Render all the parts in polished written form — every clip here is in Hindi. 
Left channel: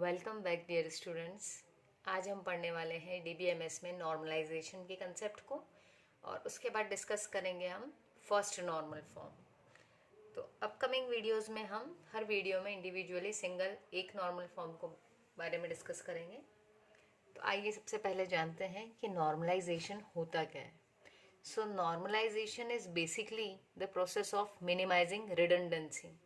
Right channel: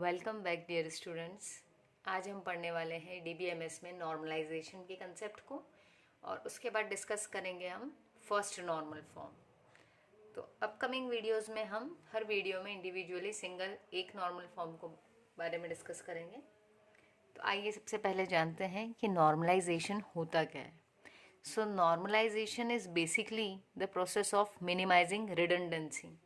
Welcome back dear students. आज हम पढ़ने वाले हैं डीबीएमएस में नॉर्मलाइजेशन के कंसेप्ट को और उसके बाद डिस्कस करेंगे हम फर्स्ट नॉर्मल फॉर्म। तो अपकमिंग वीडियोस में हम हर वीडियो में इंडिविजुअली सिंगल एक नॉर्मल फॉर्म को बारे में डिस्कस करेंगे। तो आइए सबसे पहले जानते हैं कि नॉर्मलाइजेशन होता क्या है। So normalisation is basically the process of minimising redundancy.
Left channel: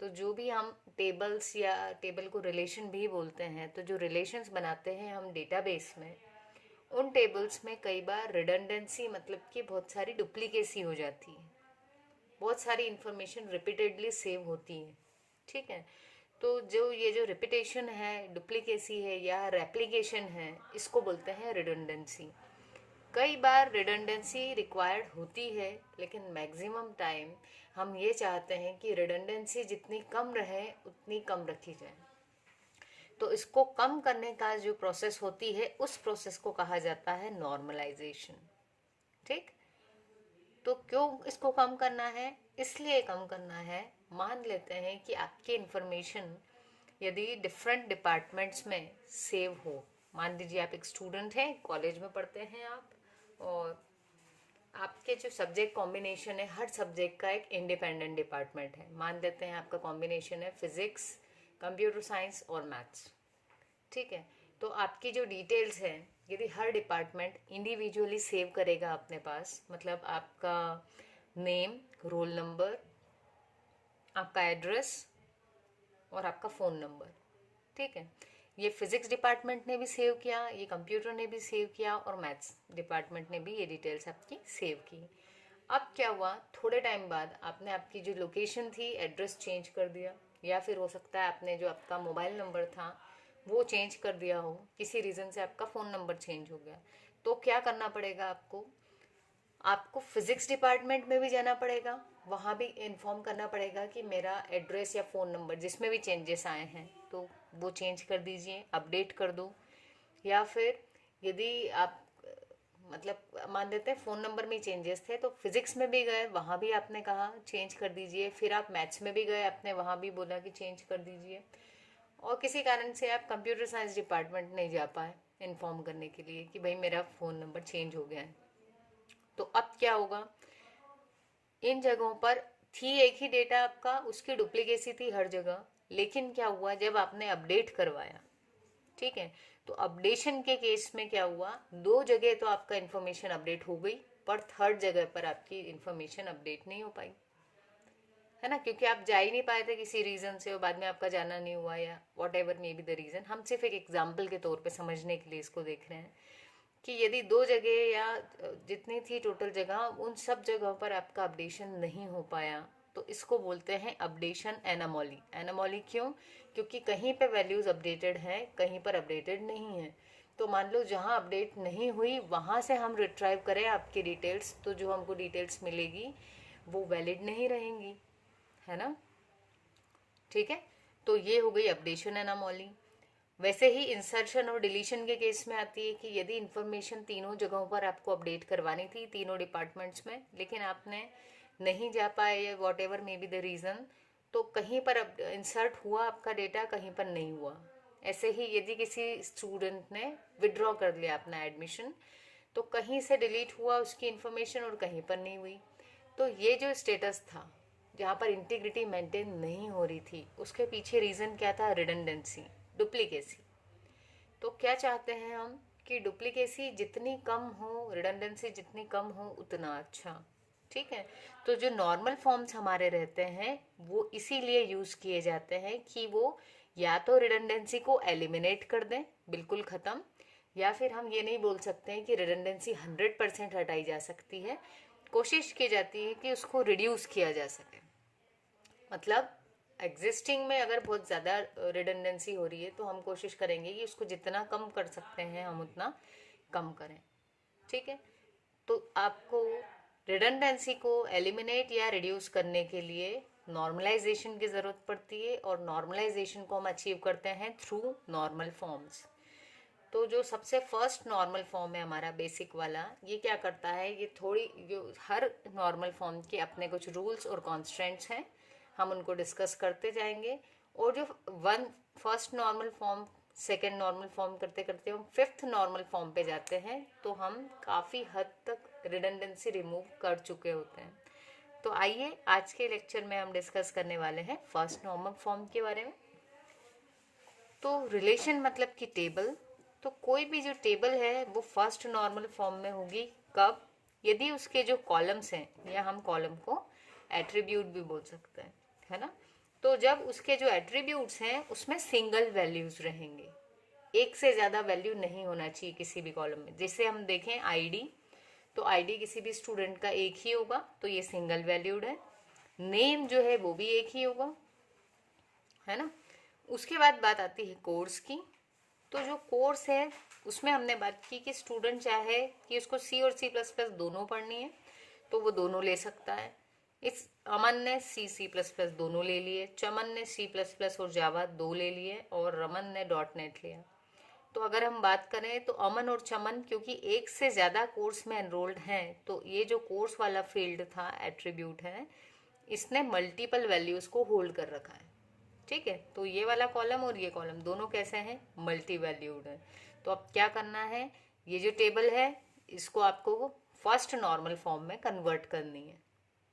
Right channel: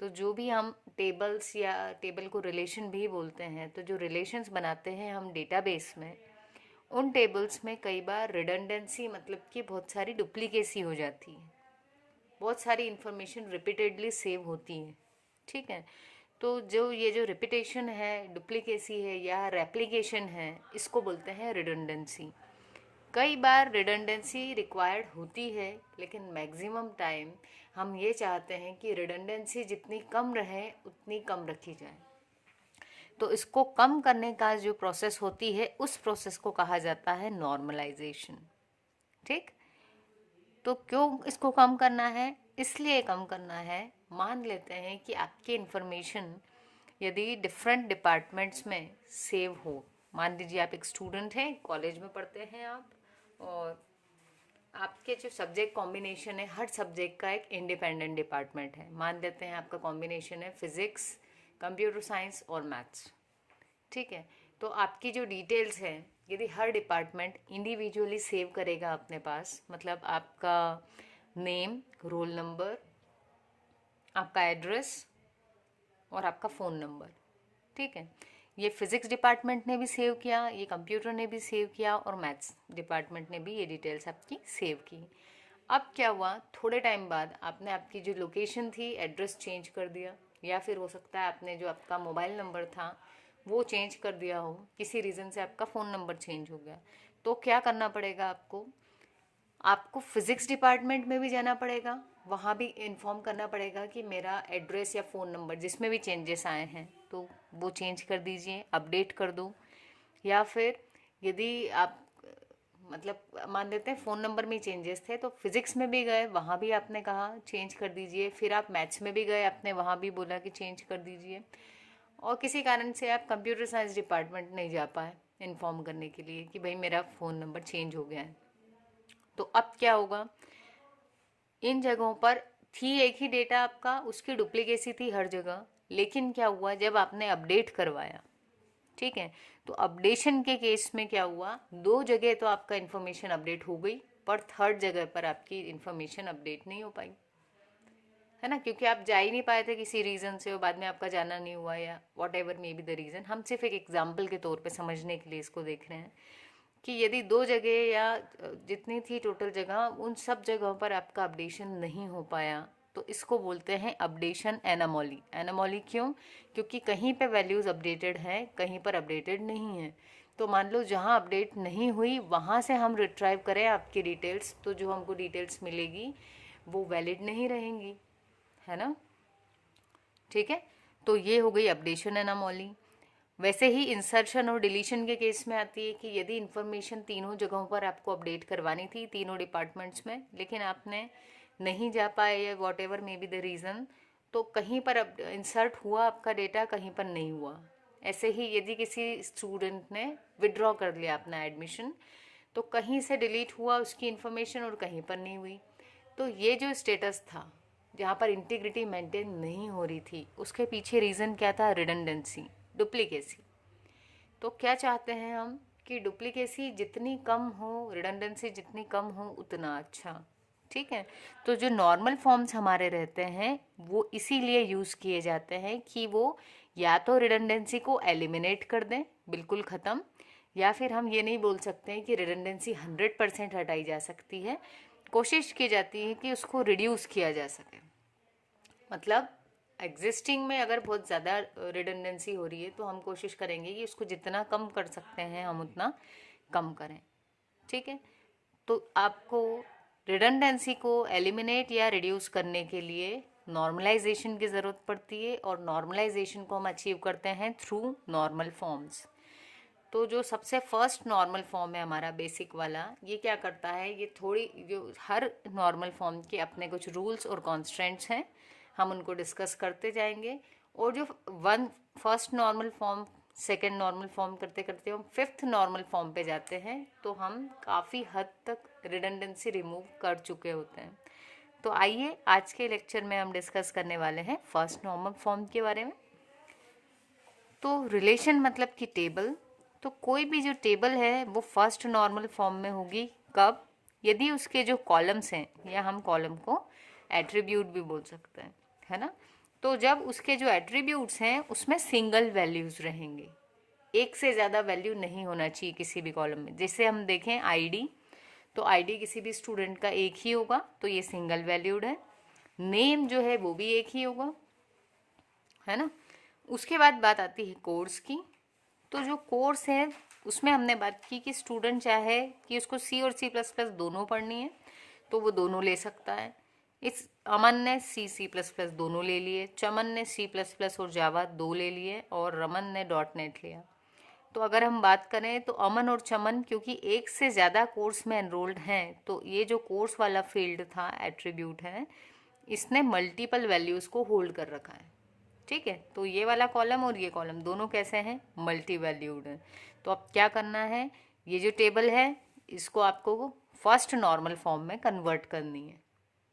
तो जो भी हम टेबल्स या टेबल को रिलेशन भी बोलते हैं, तो जो रिलेशंस बनाते हैं हम डेटाबेस में, उन टेबल्स में कई बार रिडंडेंसी मतलब कि बहुत सारी डुप्लीकेसी हो जाती है, बहुत सारी इंफॉर्मेशन रिपीटेडली सेव होती है। ठीक है, तो जो ये जो रिपीटेशन है, डुप्लीकेसी है या रेप्लिकेशन है, इसको बोलते हैं रिडंडेंसी। कई बार रिडंडेंसी रिक्वायर्ड होती है, लेकिन मैक्सिमम टाइम हम ये चाहते हैं कि रिडंडेंसी जितनी कम रहे उतनी कम रखी जाए। तो इसको कम करने का जो प्रोसेस होती है, उस प्रोसेस को कहा जाता है नॉर्मलाइजेशन। ठीक, तो क्यों इसको कम करना है? इसलिए कम करना है, मान लेते हैं कि आपकी इंफॉर्मेशन यदि डिफरेंट डिपार्टमेंट्स में सेव हो। मान लीजिए आप एक स्टूडेंट हैं, कॉलेज में पढ़ते हैं आप, और आपके जो सब्जेक्ट कॉम्बिनेशन है, हर सब्जेक्ट का एक इंडिपेंडेंट डिपार्टमेंट है। मान लेते हैं आपका कॉम्बिनेशन है फिजिक्स, कंप्यूटर साइंस और मैथ्स। ठीक है, तो आपकी जो डिटेल्स हैं, यदि हर डिपार्टमेंट इंडिविजुअली सेव करेगा अपने पास, मतलब आपका नेम, रोल नंबर, आपका एड्रेस और आपका फ़ोन नंबर। ठीक है, ये फिजिक्स डिपार्टमेंट ने भी सेव किया, ये कंप्यूटर ने भी सेव किया और मैथ्स डिपार्टमेंट ने भी ये डिटेल्स आपकी सेव की। अब क्या हुआ, थोड़े टाइम बाद आपने आपकी जो लोकेशन थी, एड्रेस चेंज कर दिया, या फिर हो सकता है आपने जो आपका मोबाइल नंबर था वो चेंज कर दिया हो, किसी रीज़न से आपका फ़ोन नंबर चेंज हो गया। तो क्या करना पड़ेगा आपको? आपको फिजिक्स डिपार्टमेंट में भी जाना पड़ेगा, वहाँ भी इन्फॉर्म करना पड़ेगा कि मेरा एड्रेस या फ़ोन नंबर जिसमें भी चेंजेस आए हैं तो वो चेंज कर दीजिए, अपडेट कर दो। या फिर यदि आप मतलब मान लेते हैं फ़ोन नंबर में चेंजेस थे, तो फिजिक्स में भी गए, वहाँ भी आपने कहा चेंज कर दीजिए। फिर आप मैथ्स में भी गए, आपने वहाँ भी बोला कि चेंज कर दीजिए। और किसी कारण से आप कंप्यूटर साइंस डिपार्टमेंट नहीं जा पाए इन्फॉर्म करने के लिए कि भाई मेरा फ़ोन नंबर चेंज हो गया है। तो अब क्या होगा, इन जगहों पर थी एक ही डेटा आपका, उसकी डुप्लीकेसी थी हर जगह, लेकिन क्या हुआ जब आपने अपडेट करवाया, ठीक है, तो अपडेशन के केस में क्या हुआ, दो जगह तो आपका इन्फॉर्मेशन अपडेट हो गई, पर थर्ड जगह पर आपकी इन्फॉर्मेशन अपडेट नहीं हो पाई, है ना, क्योंकि आप जा ही नहीं पाए थे किसी रीज़न से, और बाद में आपका जाना नहीं हुआ या what ever may be the reason. हम सिर्फ एक एग्जाम्पल के तौर पे समझने के लिए इसको देख रहे हैं कि यदि दो जगह या जितनी थी टोटल जगह, उन सब जगहों पर आपका अपडेशन नहीं हो पाया, तो इसको बोलते हैं अपडेशन एनामोली। एनामोली क्यों? क्योंकि कहीं पे वैल्यूज़ अपडेटेड हैं, कहीं पर अपडेटेड नहीं है। तो मान लो जहाँ अपडेट नहीं हुई वहाँ से हम रिट्राइव करें आपकी डिटेल्स, तो जो हमको डिटेल्स मिलेगी वो वैलिड नहीं रहेंगी, है ना। ठीक है, तो ये हो गई अपडेशन एनामोली। वैसे ही इंसर्शन और डिलीशन के केस में आती है कि यदि इंफॉर्मेशन तीनों जगहों पर आपको अपडेट करवानी थी, तीनों डिपार्टमेंट्स में, लेकिन आपने नहीं जा पाए या what ever may be the reason, तो कहीं पर इंसर्ट हुआ आपका डेटा, कहीं पर नहीं हुआ। ऐसे ही यदि किसी स्टूडेंट ने विड्रॉ कर लिया अपना एडमिशन, तो कहीं से डिलीट हुआ उसकी इन्फॉर्मेशन और कहीं पर नहीं हुई। तो ये जो स्टेटस था जहाँ पर इंटीग्रिटी मेंटेन नहीं हो रही थी, उसके पीछे रीज़न क्या था? Redundancy, duplicacy. तो क्या चाहते हैं हम कि डुप्लीकेसी जितनी कम हो, रिडंडेंसी जितनी कम हो, उतना अच्छा। ठीक है, तो जो नॉर्मल फॉर्म्स हमारे रहते हैं वो इसीलिए यूज़ किए जाते हैं कि वो या तो रिडंडेंसी को एलिमिनेट कर दें, बिल्कुल ख़त्म, या फिर हम ये नहीं बोल सकते हैं कि रिडंडेंसी 100% हटाई जा सकती है, कोशिश की जाती है कि उसको रिड्यूस किया जा सके। मतलब एग्जिस्टिंग में अगर बहुत ज़्यादा रिडंडेंसी हो रही है तो हम कोशिश करेंगे कि उसको जितना कम कर सकते हैं हम उतना कम करें। ठीक है, तो आपको रिडंडेंसी को एलिमिनेट या रिड्यूस करने के लिए नॉर्मलाइजेशन की ज़रूरत पड़ती है, और नॉर्मलाइजेशन को हम अचीव करते हैं थ्रू नॉर्मल फॉर्म्स। तो जो सबसे फर्स्ट नॉर्मल फॉर्म है हमारा बेसिक वाला, ये क्या करता है, ये थोड़ी जो हर नॉर्मल फॉर्म के अपने कुछ रूल्स और कॉन्स्टेंट्स हैं, हम उनको डिस्कस करते जाएंगे। और जो one first normal form, second normal form करते करते हम फिफ्थ नॉर्मल फॉर्म पे जाते हैं, तो हम काफ़ी हद तक रिडंडेंसी रिमूव कर चुके होते हैं। तो आइए आज के लेक्चर में हम डिस्कस करने वाले हैं फर्स्ट नॉर्मल फॉर्म के बारे में। तो रिलेशन मतलब कि टेबल, तो कोई भी जो टेबल है वो फर्स्ट नॉर्मल फॉर्म में होगी कब, यदि उसके जो कॉलम्स हैं, या हम कॉलम को एट्रीब्यूट भी बोल सकते हैं, है ना। तो जब उसके जो एट्रीब्यूट्स हैं उसमें सिंगल वैल्यूज रहेंगे, एक से ज़्यादा वैल्यू नहीं होना चाहिए किसी भी कॉलम में। जैसे हम देखें आईडी, तो आईडी किसी भी स्टूडेंट का एक ही होगा, तो ये सिंगल वैल्यूड है। नेम जो है वो भी एक ही होगा, है ना। उसके बाद बात आती है कोर्स की। तो जो कोर्स है उसमें हमने बात की कि स्टूडेंट चाहे कि उसको सी और सी प्लस प्लस दोनों पढ़नी है तो वो दोनों ले सकता है। इस अमन ने सी सी प्लस प्लस दोनों ले लिए, चमन ने सी प्लस प्लस और जावा 2 ले लिए, और रमन ने डॉट नेट लिया। तो अगर हम बात करें तो अमन और चमन क्योंकि एक से ज़्यादा कोर्स में एनरोल्ड हैं, तो ये जो कोर्स वाला फील्ड था, एट्रीब्यूट है, इसने मल्टीपल वैल्यूज़ को होल्ड कर रखा है। ठीक है, तो ये वाला कॉलम और ये कॉलम दोनों कैसे हैं, मल्टी वैल्यूड हैं। तो अब क्या करना है, ये जो टेबल है इसको आपको फर्स्ट नॉर्मल फॉर्म में कन्वर्ट करनी है।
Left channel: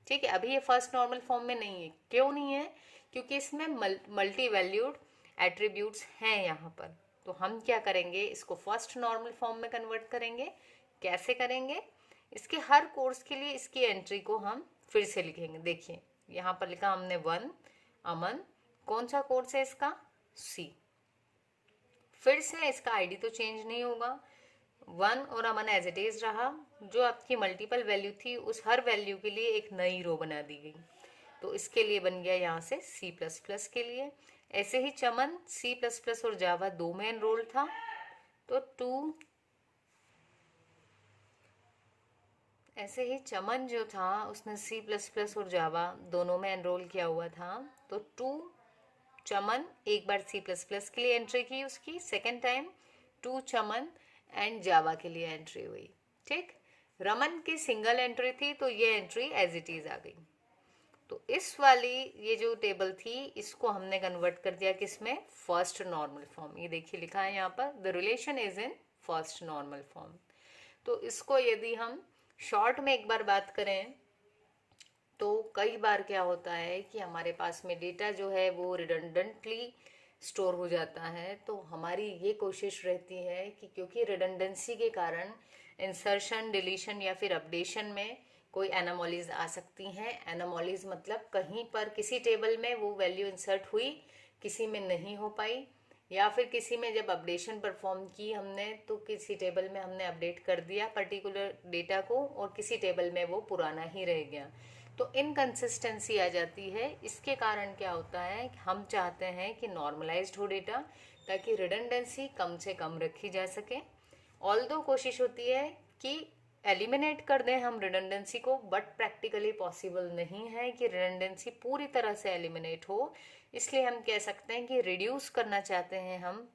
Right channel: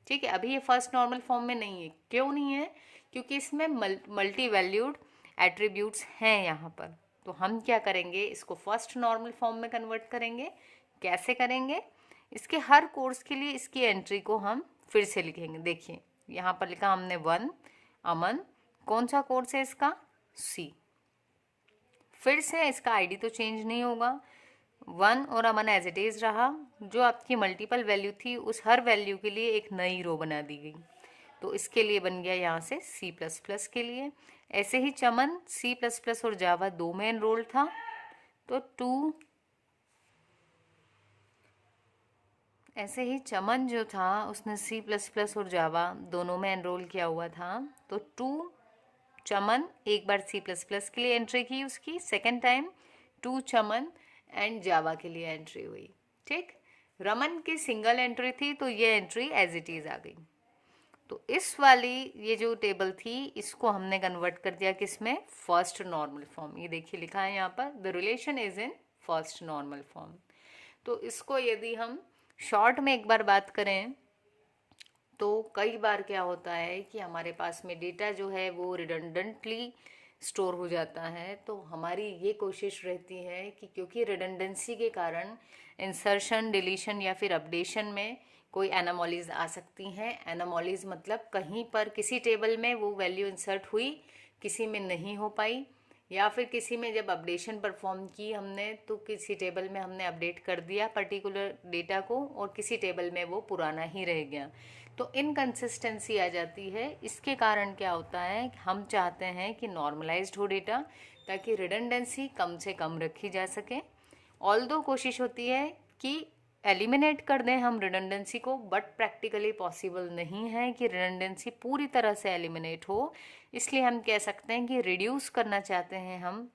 ठीक है, अभी ये फर्स्ट नॉर्मल फॉर्म में नहीं है। क्यों नहीं है, क्योंकि इसमें मल्टी वैल्यूड एट्रीब्यूट्स हैं यहाँ पर। तो हम क्या करेंगे, इसको फर्स्ट नॉर्मल फॉर्म में कन्वर्ट करेंगे। कैसे करेंगे, इसके हर कोर्स के लिए इसकी एंट्री को हम फिर से लिखेंगे। देखिए यहाँ पर लिखा हमने 1 अमन, कौन सा कोर्स है इसका, सी। फिर से इसका आईडी तो चेंज नहीं होगा, 1 और अमन एज इट इज रहा। जो आपकी मल्टीपल वैल्यू थी उस हर वैल्यू के लिए एक नई रो बना दी गई, तो इसके लिए बन गया यहाँ से सी प्लस प्लस के लिए। ऐसे ही चमन सी प्लस प्लस और जावा 2 में एनरोल्ड था, तो 2, ऐसे ही चमन जो था उसने सी प्लस प्लस और जावा दोनों में एनरोल किया हुआ था, तो 2 चमन एक बार सी प्लस प्लस के लिए एंट्री की उसकी, सेकेंड टाइम 2 चमन एंड जावा के लिए एंट्री हुई। ठीक, रमन की सिंगल एंट्री थी तो ये एंट्री एज इट इज आ गई। तो इस वाली ये जो टेबल थी इसको हमने कन्वर्ट कर दिया किसमें, फर्स्ट नॉर्मल फॉर्म। ये देखिए लिखा है यहाँ पर, the relation is in first normal form. तो इसको यदि हम शॉर्ट में एक बार बात करें तो कई बार क्या होता है कि हमारे पास में डेटा जो है वो रिडंडेंटली स्टोर हो जाता है। तो हमारी ये कोशिश रहती है कि क्योंकि रिडंडेंसी के कारण इंसर्शन, डिलीशन या फिर अपडेशन में कोई एनामोलीज आ सकती हैं। एनामोलीज मतलब कहीं पर किसी टेबल में वो वैल्यू इंसर्ट हुई, किसी में नहीं हो पाई, या फिर किसी में जब अपडेशन परफॉर्म की हमने तो किसी टेबल में हमने अपडेट कर दिया पर्टिकुलर डेटा को और किसी टेबल में वो पुराना ही रह गया, तो इनकंसिस्टेंसी आ जाती है। इसके कारण क्या होता है, हम चाहते हैं कि नॉर्मलाइज्ड हो डेटा ताकि रिडंडेंसी कम से कम रखी जा सके। ऑल्दो कोशिश होती है कि एलिमिनेट कर दें हम रिडंडेंसी को, बट प्रैक्टिकली पॉसिबल नहीं है कि रिडंडेंसी पूरी तरह से एलिमिनेट हो। इसलिए हम कह सकते हैं कि रिड्यूस करना चाहते हैं हम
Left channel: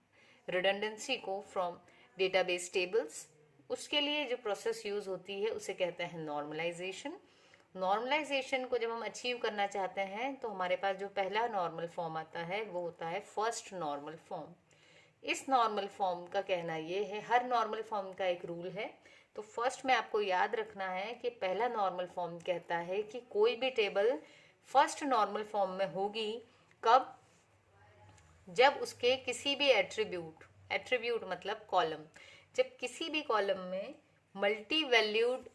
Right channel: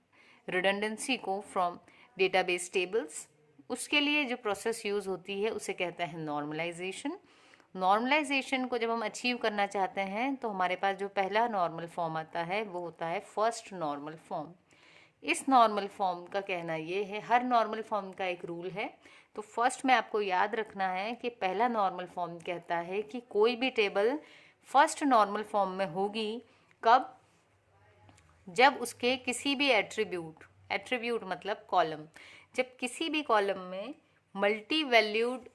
रिडंडेंसी को फ्रॉम डेटाबेस टेबल्स। उसके लिए जो प्रोसेस यूज होती है उसे कहते हैं नॉर्मलाइजेशन। नॉर्मलाइजेशन को जब हम अचीव करना चाहते हैं तो हमारे पास जो पहला नॉर्मल फॉर्म आता है वो होता है फर्स्ट नॉर्मल फॉर्म। इस नॉर्मल फॉर्म का कहना ये है, हर नॉर्मल फॉर्म का एक रूल है। तो फर्स्ट में आपको याद रखना है कि पहला नॉर्मल फॉर्म कहता है कि कोई भी टेबल फर्स्ट नॉर्मल फॉर्म में होगी कब, जब उसके किसी भी एट्रीब्यूट मतलब कॉलम, जब किसी भी कॉलम में मल्टी वैल्यूड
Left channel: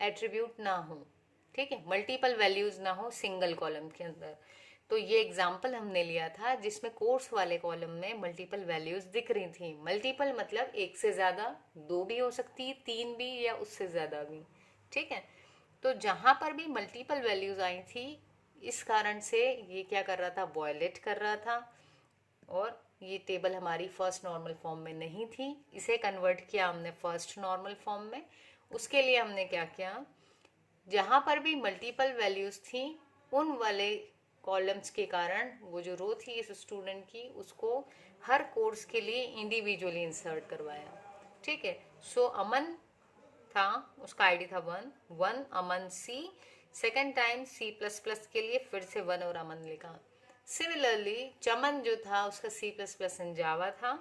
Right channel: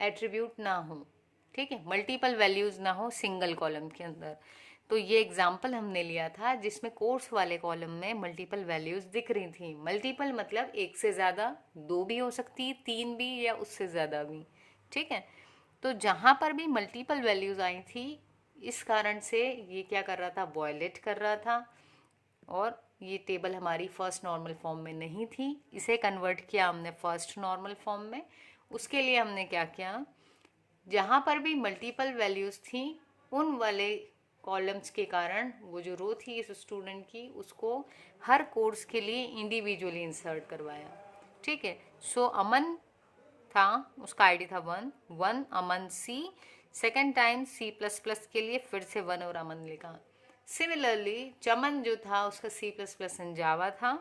एट्रीब्यूट ना हो। ठीक है, मल्टीपल वैल्यूज ना हो सिंगल कॉलम के अंदर। तो ये एग्जाम्पल हमने लिया था जिसमें कोर्स वाले कॉलम में मल्टीपल वैल्यूज दिख रही थी। मल्टीपल मतलब एक से ज़्यादा, 2 भी हो सकती, 3 भी, या उससे ज़्यादा भी। ठीक है, तो जहाँ पर भी मल्टीपल वैल्यूज आई थी इस कारण से ये क्या कर रहा था, वॉयलेट कर रहा था, और ये टेबल हमारी फर्स्ट नॉर्मल फॉर्म में नहीं थी। इसे कन्वर्ट किया हमने फर्स्ट नॉर्मल फॉर्म में। उसके लिए हमने क्या किया, जहाँ पर भी मल्टीपल वैल्यूज थी उन वाले कॉलम्स के कारण वो जो रो थी इस स्टूडेंट की उसको हर कोर्स के लिए इंडिविजुअली इंसर्ट करवाया। ठीक है, सो अमन था, उसका आईडी था 1 Aman C, second time C plus plus के लिए फिर से 1 और अमन लिखा। सिमिलरली चमन जो था उसका C++ इन जावा था,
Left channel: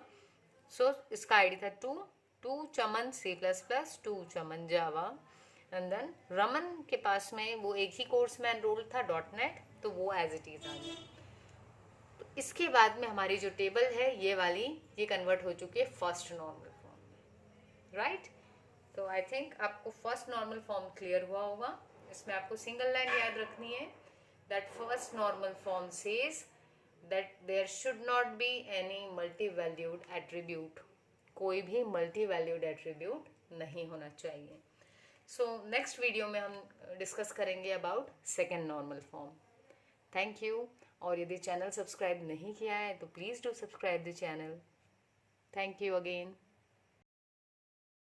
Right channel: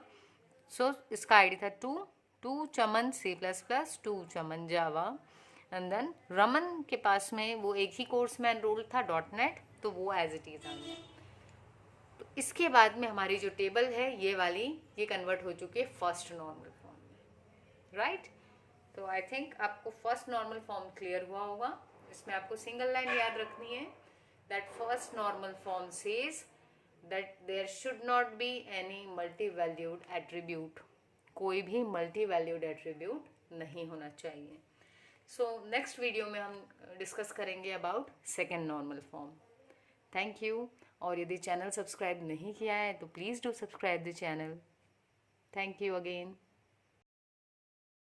सो इसका आईडी था 2 Chaman C++, 2 Chaman Java. And then Raman के पास में वो एक ही कोर्स में एनरोल था .NET, तो वो एज इट इज आ गया। तो इसके बाद में हमारी जो टेबल है ये वाली, ये कन्वर्ट हो चुकी है फर्स्ट नॉर्मल फॉर्म में, राइट। तो आई थिंक आपको फर्स्ट नॉर्मल फॉर्म क्लियर हुआ होगा। इसमें आपको सिंगल लाइन याद रखनी है, that first normal form says that there should not be any multi valued attribute, कोई भी मल्टी वैल्यूड एट्रीब्यूट नहीं होना चाहिए। सो नेक्स्ट वीडियो में हम डिस्कस करेंगे about second normal form. Thank you. और यदि चैनल सब्सक्राइब नहीं किया है तो please do subscribe the channel. Thank you again.